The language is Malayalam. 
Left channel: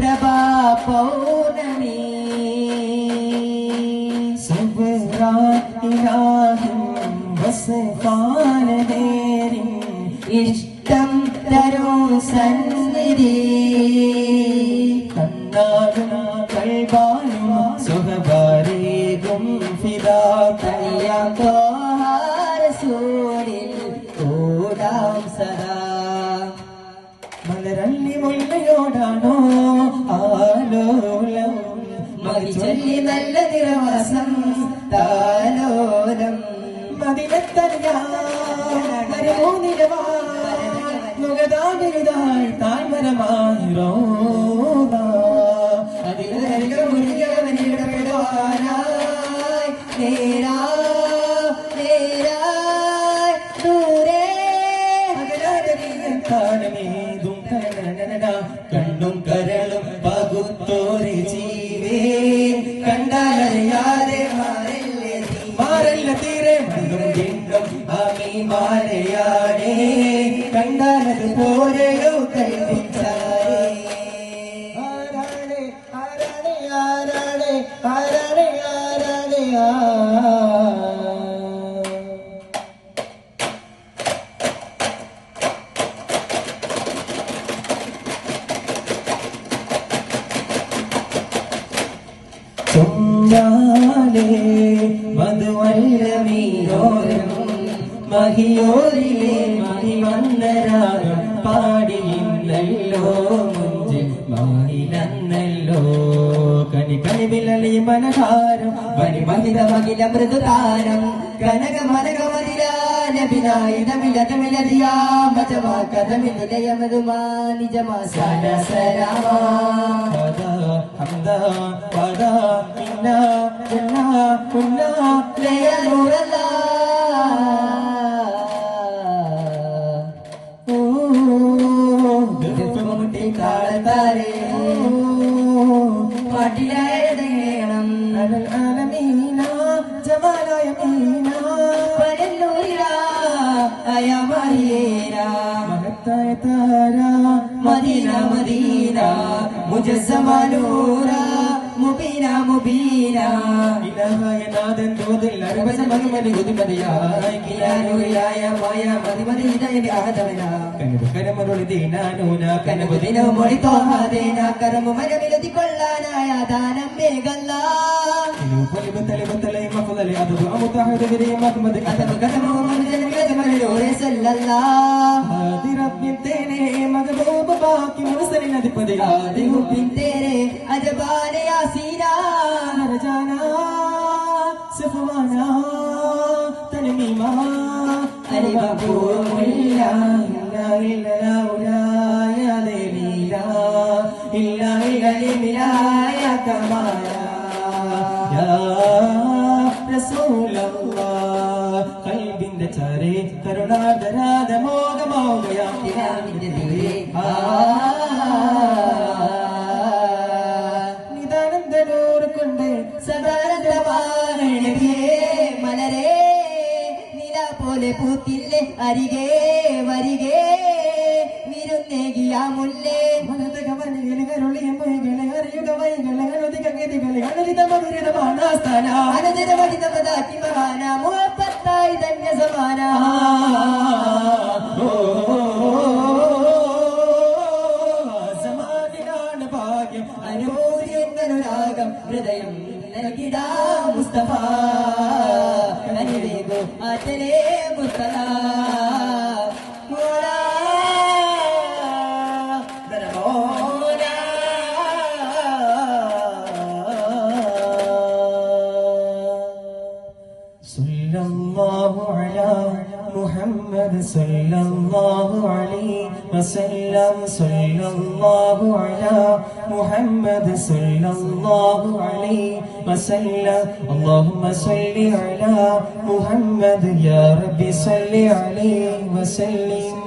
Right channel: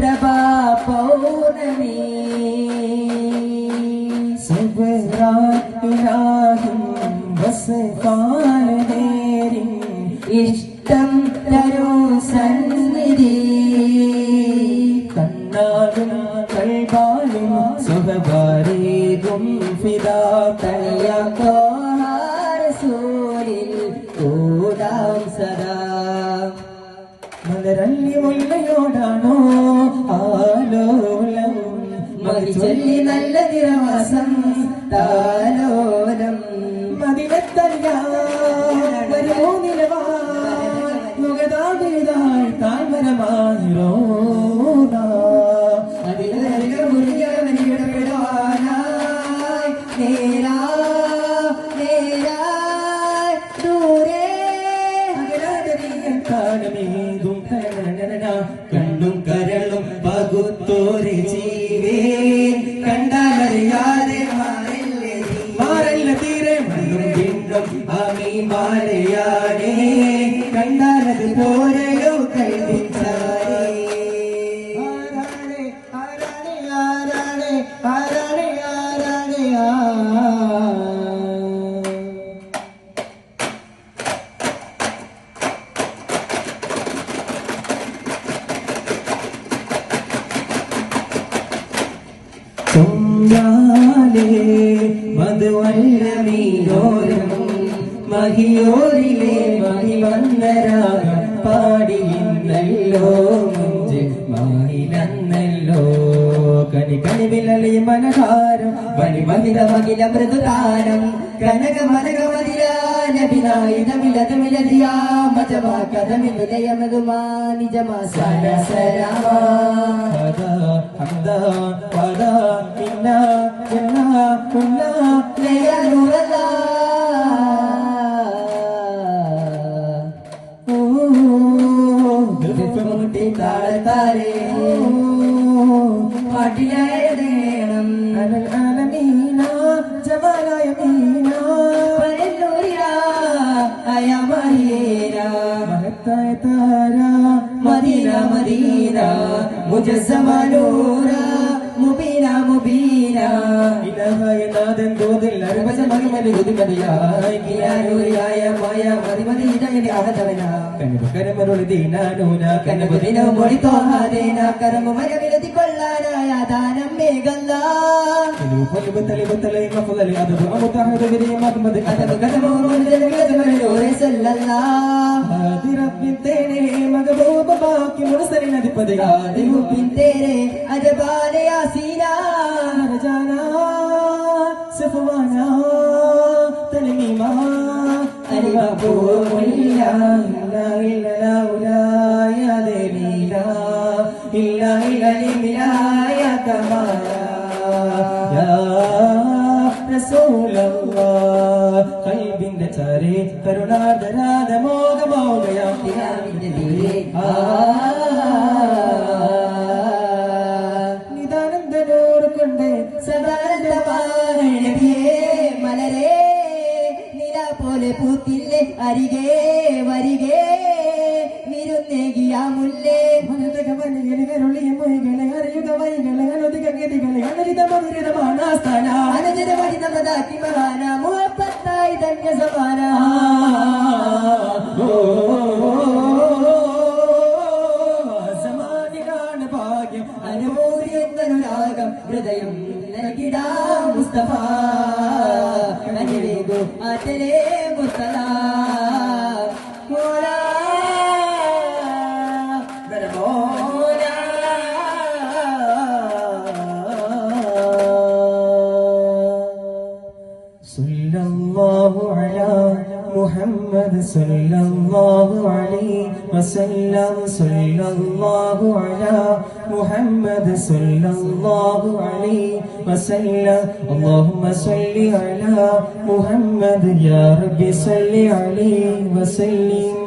പ്രഭാ പൗർണമി ഇഷ്ടം തരൂ സന്നിധി കണ്ണാടും കൈകാലും സുഖകാരീകും ഫിദാ റസൂലിൽ ഓടാം സദാ മലരല്ലി മുല്ലയോടാണോ ആലോലം മതിചൊല്ലി നല്ല നിരവസം താലോലം മദിനത്തറിയാമോ നിലവാ മുഖതാപിതാൾ താഴ്മരമാറോ അതിലരിക മുറിയവനിടപെടുവാനായി നേരാ ദൂരെ കാലമേതും കണ്ണും കരളും പകുത്തോരെ ജീവേ കണ്ടറിയാതെ മാറല്ല തീരെ മണ്ണും ലിംഗം അമീമാലയാണേ കണ്ടത് പോലെയോ കൈവിച്ചാരേ മധുവല്ലമീയോരം മഹിയോരിലെ മഹിവന്ദരാഗം പാടിയില്ലല്ലോ മുഞ്ചിൽ മൗനിലന്നല്ലോ കണി കണിവിലളി മനഹാരം മണിമഹിത മകില മൃദുതാരം കനക മനക മതിരാനബിനായിതമിലതമിലതിയാ മജമാ കഥമിലയമതുമാ നിജമാ സാര സരാമാ മദീന മദീന മുജസ്സമാനൂര മുബീന മുബീന ഇലഹായ നാദൻ ദൂതിൽ അർബസമഹിമലി ഉദിമതിയായ കിയാനൂരിയായ മായ മദിമതി ഇതമിതി ആഗതവന കനബുകരമരുളി ദീനാനൂന കനബുദിന മൊഴിത്തോഹാദേന കരമു മരവിലതി കൊള്ളാനായ ദാനം മേഘല്ല തലിബത്തലൈ മഫലി അദബു അമുതഹദ വിരിമത് മദ് അദബു കനമു മദനിലതി മലൂരെ സല്ലല്ലാഹ് ആദിറബ്ബിൻ തേനെ മഗബൂബ ബാക്കി മുർസലിൻ അദിപദിരാദി മുബിൻ തേരെ അജബാന യാസീനാ റജാന സഫവാന തൽമീമാ അലിബു ഇല്ലാ ഇല്ലാ യാ ലീലാ ഇല്ലാ ഇല്ലാ യാ കമാല യാ റസൂലല്ലാഹ് ഖൽബിന്റെ ചാരേ കരുണാദരാദ മോഹമോദയാക്കിനാവിന്റെ തീരെ നിദാനന്ദനൂർ കൊണ്ട് സദാനന്ദമായ നബിയേ മലരേ നില പോലെ പൂത്തില്ലേ അരികെ വരികെ നിരുന്നേകിയ മുല്ലേ മുഴുതകമലരുളിയും മൊഴികളെ അറിയുക വൈകളെ അനധിക ഗതികളെ അനധിതമധുരിതമാനാസ്ഥാന അനധിതമധിതമതാക്കി മഹാന മുഹപ്പത്തായി ധന്യ സമാന സമാധികാണ് ഭാഗ്യം അനുഭൂതിയെന്നനുരാഗം ഹൃദയം നൽകിടാ മുസ്തഫ അനുവേഗു ആറ്റലേ മുസ്തഫ محمد صلى الله عليه وسلم صلى الله على محمد صلى الله عليه وسلم اللهم صل على محمد يا رب صل عليه وسلم